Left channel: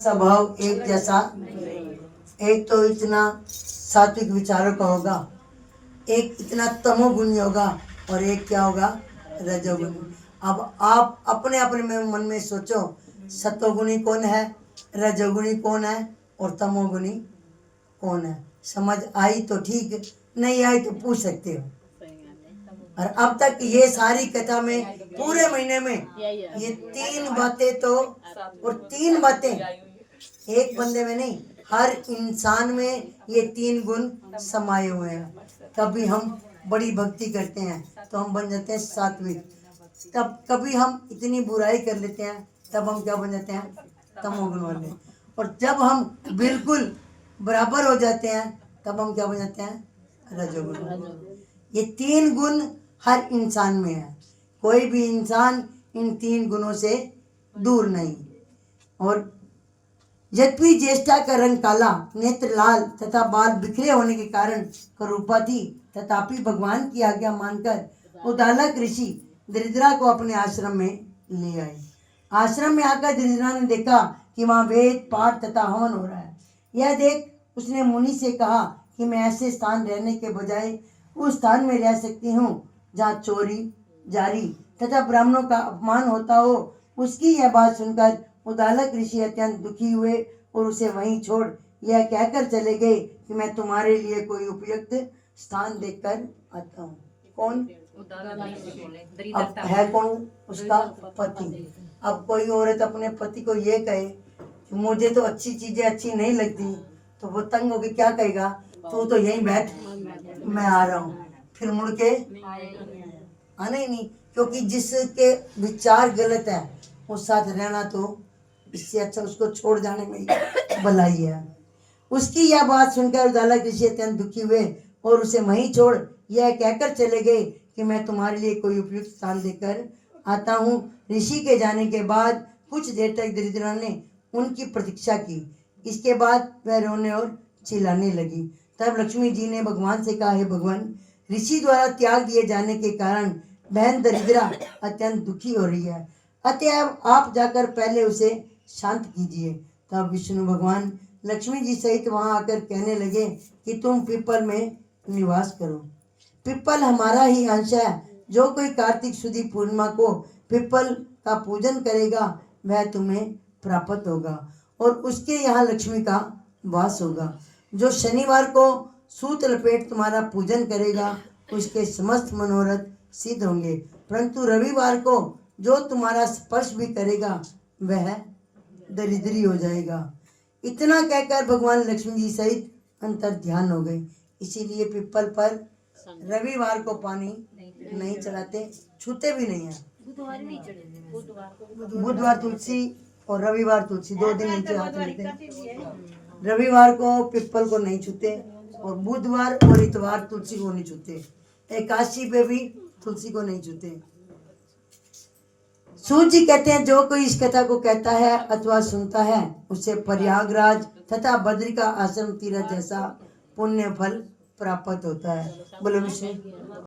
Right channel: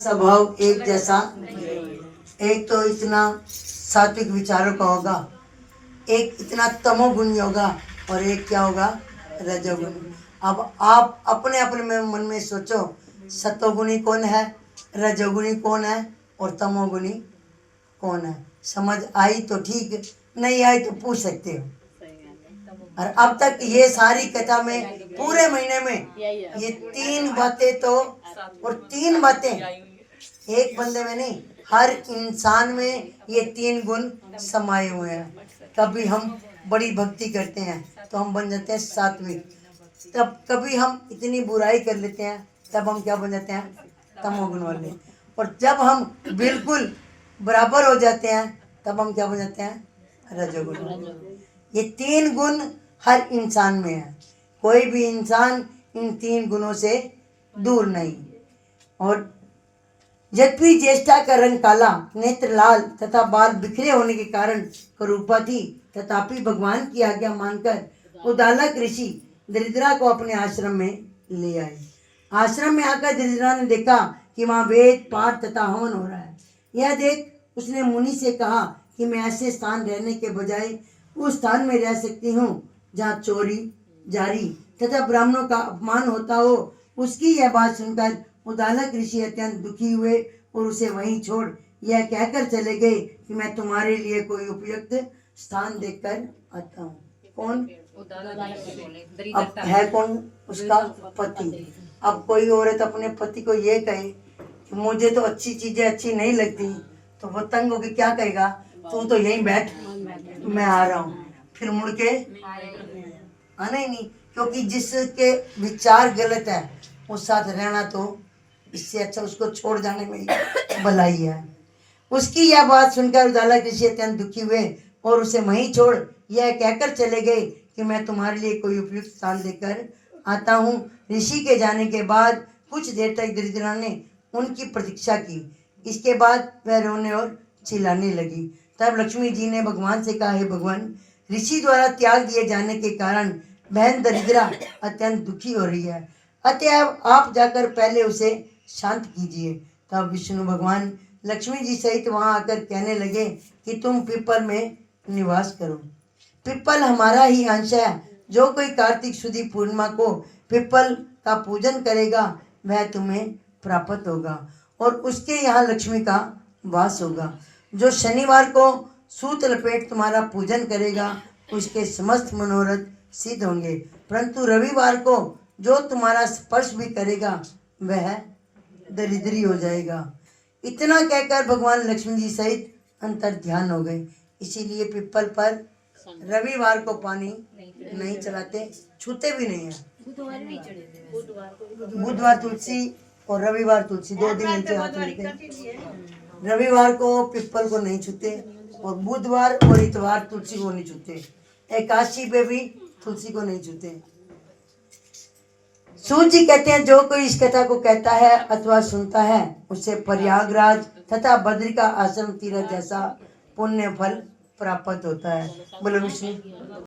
स्वभाव एक जैसा, एक तो इतना सात्विक विचारों का होगा, एक इतना तमोगुणी होगा और एक क्या होगा, रजोगुणी। अब आप अपने अपने मन में सोचो, सतोगुणी कौन है, रजोगुणी कौन है और तमोगुणी कौन है। समझ आई तो ठीक, नहीं आई तो पूछ सकते हो। और अब तक ये सारी कथा में पूरे महीने में ये तीन बातें तो, और तीन बातें एक बंदे में नहीं, हर इंसान में ये तीन गुण समाये हुए हैं। कभी हम बड़ी भक्ति करते हैं तो हम बन जाते हैं सात्विक, तब कभी हम इतनी बुराई कर लेते हैं तब हम क्या बन जाते हैं, तमोगुण वाले। और जब हम बिल्कुल बराबर हो जाते हैं तब हम क्या बन जाते हैं, रजोगुण। ये तीन गुण हर इंसान में है, कोई भी इंसान इन तीन गुणों से दूर नहीं। और यद्यपि ज्येष्ठा का रंग काला, नेत्र लाल तथा बाल बिखरे होने के कारण करूपा थी, तथापि भगवान की आज्ञा मानकर उद्दालक ऋषि दरिद्रा को अपने आश्रम में ले आए। आश्रम में आकर दरिद्रा ने देखा कि वहाँ वेद पाठ तथा हवन हो रहा है। यह देख उसने मुनि से कहा कि मैं ऐसे स्थान रहने के बजाय उस स्थान में रह सकती हूँ जहाँ चोरी जारी तथा ब्राह्मणों का अपमान होता हो। उसकी यह बात सुनकर उद्दालक ऋषि अत्यंत दुखी हुए और उसे वहीं छोड़ यह कहकर चले गए कि मैं तुम्हारे लिए कोई उपयुक्त स्थान देखकर आता हूँ। कौन अब है, कौन उसका पति। अब कोई औरत अपने पति को ये कहे कि मुझे तो अच्छी चीजें अच्छी नहीं लगती, तो वो तंग होके क्या कहेगा, तू तो यहीं बैठ, मैं आ रहा हूँ। फिर मुड़ के आना ही नहीं, क्योंकि जिसके विचार गलत है उस साथ रहना तो इससे अच्छा उसको छोड़ जाने में भलाई है। उसकी यह बात सुनकर उद्दालक ऋषि अत्यंत दुखी हुए और उसे वहीं छोड़ यह कहकर चले गए कि मैं तुम्हारे लिए कोई उपयुक्त स्थान देकर आता हूँ। ऋषि के जाने के बाद कुछ देर तक दरिद्रा ने उनकी प्रतीक्षा की। इसके बाद वह रोने और चिल्लाने लगी। तब लक्ष्मी जी ने भगवान से कहा, हे भगवान, ऋषि द्वारा त्याग दिए जाने के कारण बहन दरिद्रा अत्यंत दुखी हो रही है, अतएव आप जाकर पहले उसे शांत कीजिए। तब विष्णु भगवान लक्ष्मी जी सहित वहां आकर कहने लगे कि तुम पिपल में निवास करो। पिपल हमारा ही अंश है। जो कोई कार्तिक शुद्धि पूर्णिमा को पिपल का पूजन करेगा वह तुम्हें प्राप्त होगा और उसके यहाँ लक्ष्मी का वास होगा। जो शनिवार को सूत लपेट तुम्हारा पूजन करेगा उसके समस्त मनोरथ सिद्ध होंगे, परंतु रविवार को जो तुम्हारा स्पर्श भी करेगा वह दरिद्री हो जाएगा। इतना कहकर भगवान लक्ष्मी जी सहित अंतर ध्यान हो गए। इसीलिए पिपल पर रविवार को पानी नहीं चढ़ाते, छूते भी नहीं है। बुधवार तुलसी और रविवार तुलसी, 2 दिन नीचे हाथ रखते। रविवार को पिपल को नहीं छूते और बुधवार और इतवार तुलसी को नहीं छूते। एकादशी पे भी तुलसी को नहीं छूते। सूत जी कहते हैं, जो कोई इस कथा को कहता है अथवा सुनता है उसे प्रयागराज तथा बद्री का आश्रम तीर्थ जैसा पुण्य फल प्राप्त होता है। बोलो विष्णु।